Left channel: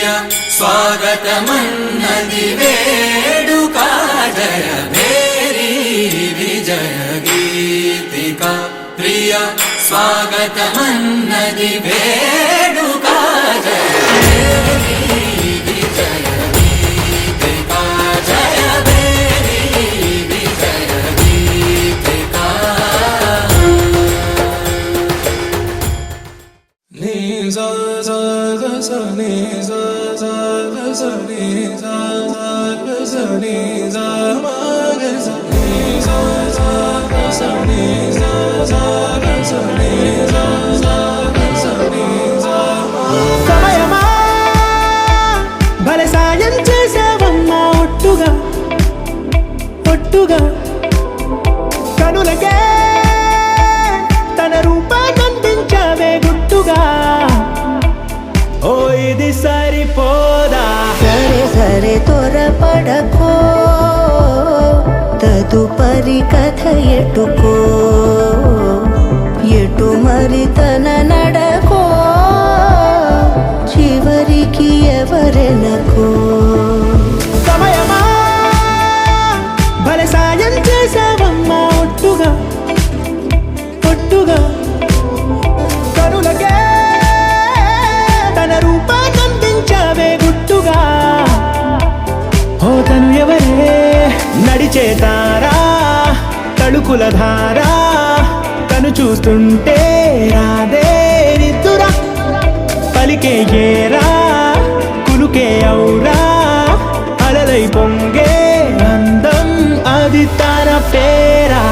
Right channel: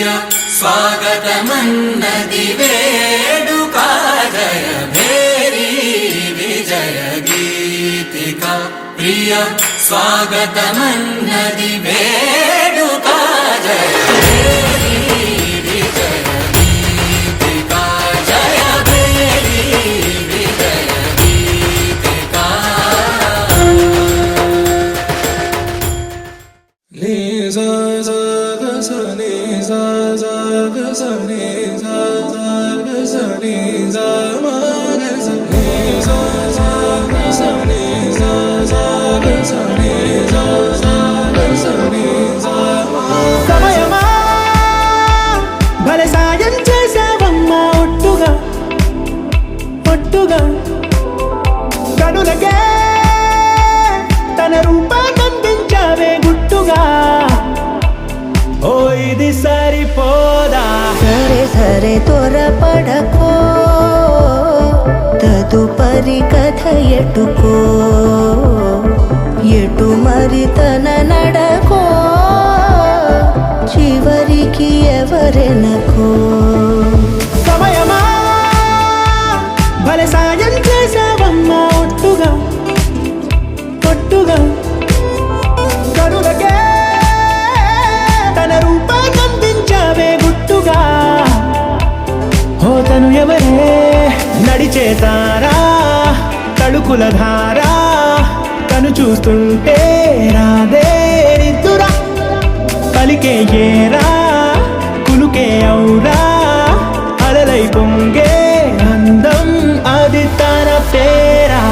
ప్రియ స్వాగతమన్నది వేడుక జయ మేరీ విజయ గీతిక ప్రియ స్వాగతమన్నది వేడుక జయ సమయమా భలే సాయం చేసావమ్మా ఒట్టుగా ఒట్టుగా కనులకే తన రూపాన్నందించావే గుట్టుగా ఓ ఇది సరిపోదా సరే సరే త్వరపడకో తదుపరి కథ ఎటుకో ఎటు మరి తన నడకో చివరికి ఎవరెనకో సమయమా భలే సాయం చేసావమ్మా ఒట్టుగా ఒట్టుగా కనులకే తన రూపాన్నందించావే గుట్టుగా ఓ తను ఎవరే నడిచే తారా తడుకుల ధారా తను చూస్తుంటే రాదే నిద్దురా పలికే ఏరా కులుకే ఔరా అలలై పొంగే అందం అది తన పేరా